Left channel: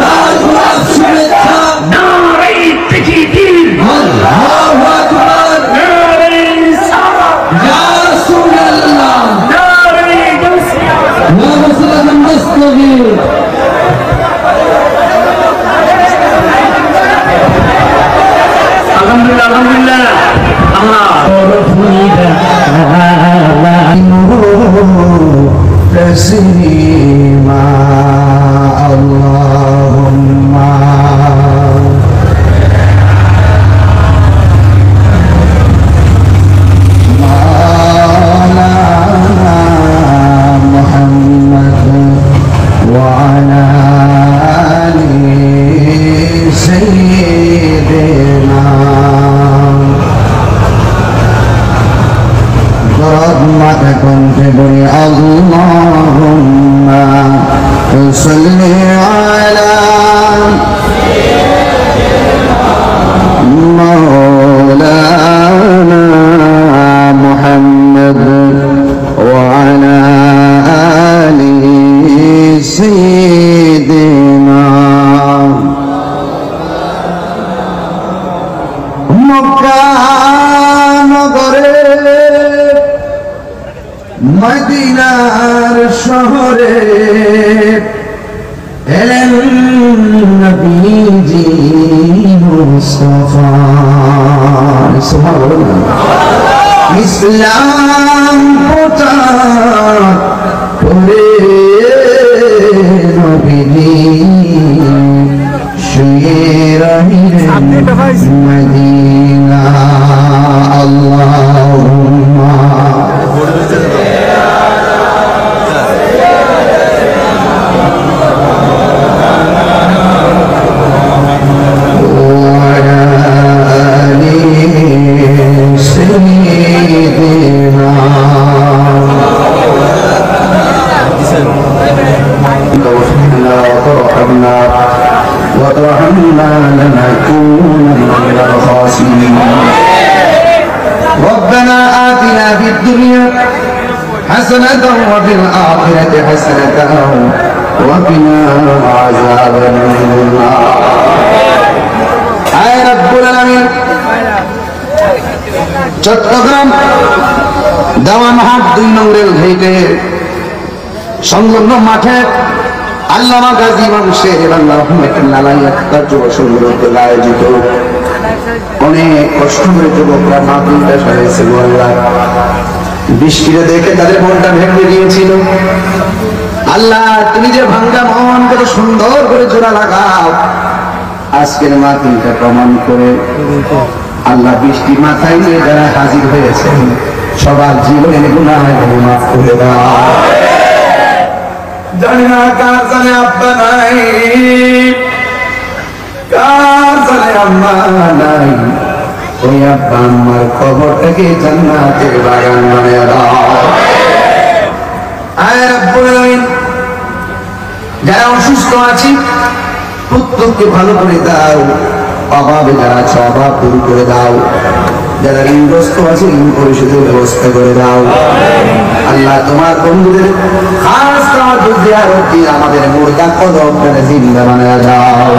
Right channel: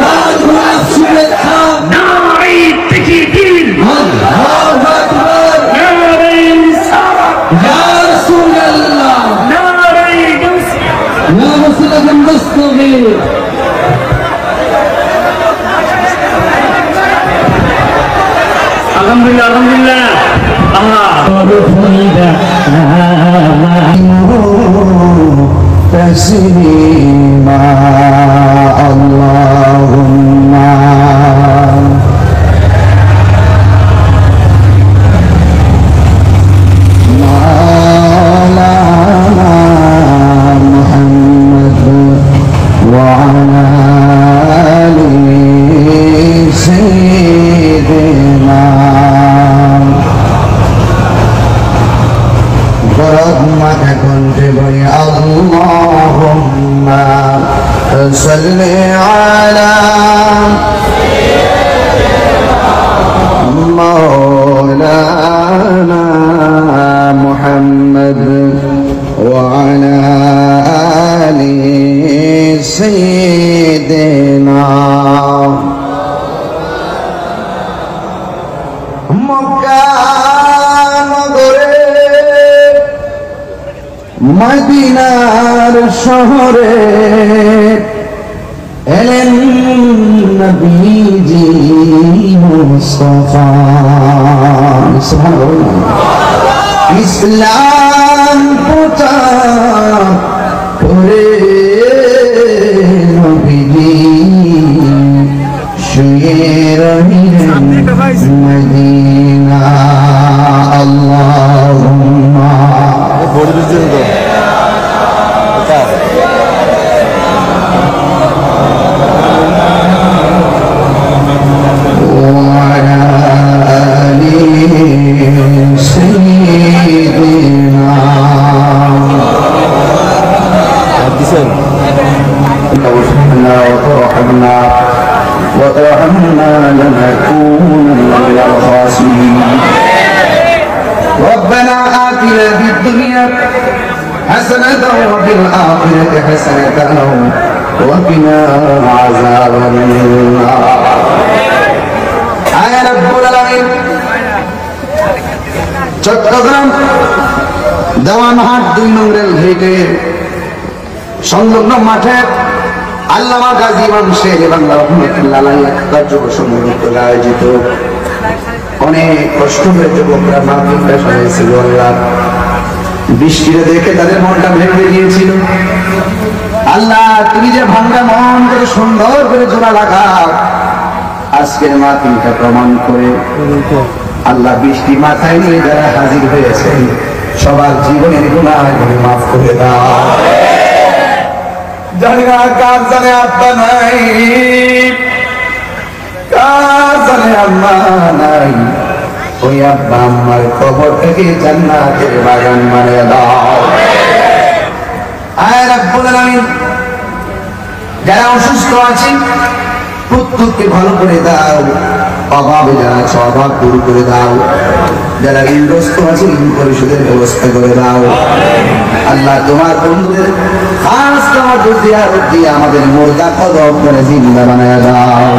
লাখ লাখ শুভেচ্ছা। নারে তাকবীর, আল্লাহু আকবার, নারে রিসালাত, ইয়া রাসূলুল্লাহ, নারে তাসবিহ, ইয়া রাসূলুল্লাহ মুস্তাগীর। আলহামদুলিল্লাহ আলহামদুলিল্লাহ। আল্লাহ تسليما اللهم محمد وعلى آل سيدنا برحمتك كنت بي اللهم صل على مولانا محمد وعلى آل سيدنا মদিনার শহরে এলেন নবীজি মুস্তাফা ইসলাম প্রচার করে নবীজি শুয়ে রহিলেন মদিনা আল্লাহুম্মা وترحمنا لنكون من الخاسرين ربنا آتنا في الدنيا حسنة وفي الآخرة حسنة وقنا عذاب النار يا رب العالمين চট্টগ্রাম দাওয়ানহাট 2 নং রেল গেটে সংলগ্ন মাঠে আল্লামা গাজী ইমাম শের আল্লাহ রাহমাতুল্লাহ আলাইহি কার্যক্রম আয়োজিত অনেক কষ্ট করে যুবকরা মাহফিলটা সাজিয়েছিল। আল্লাহ বৃষ্টিতে দেখে তাদের মনটা ভেঙে গিয়েছিল। আল্লাহ তুমি যে ভাঙ্গা মন করে সুন্দর করে জোড়া লাগাও, আজকের মাহফিলটা প্রমাণ করে আল্লাহ বৃষ্টি মাথায় নিয়ে যারা হাজির হয়েছে সবার জীবনের গুনাহ মাফ করে দাও। জানি না কার জানে আব্বা নাই, কার জানে আম্মা নাই, ওই আব্বা আম্মার কবরটাকে জান্নাতের বাগান বানিয়ে দাও। আয় রাব্বুল আলামিন, যারা অসুস্থ আছে প্রত্যেককে ভালো করে দাও, অভাবে যারা আছে অভাব দূর করে দাও, যারা ঋণগ্রস্ত আছে ঋণ পরিশোধের ব্যবস্থা করে দাও। আল্লাহ তোমার বন্ধুদের খাস তোমার জিয়ারত দিয়ে আমাদের মুর্দা কদম করে জিন্দা বানায় দাও।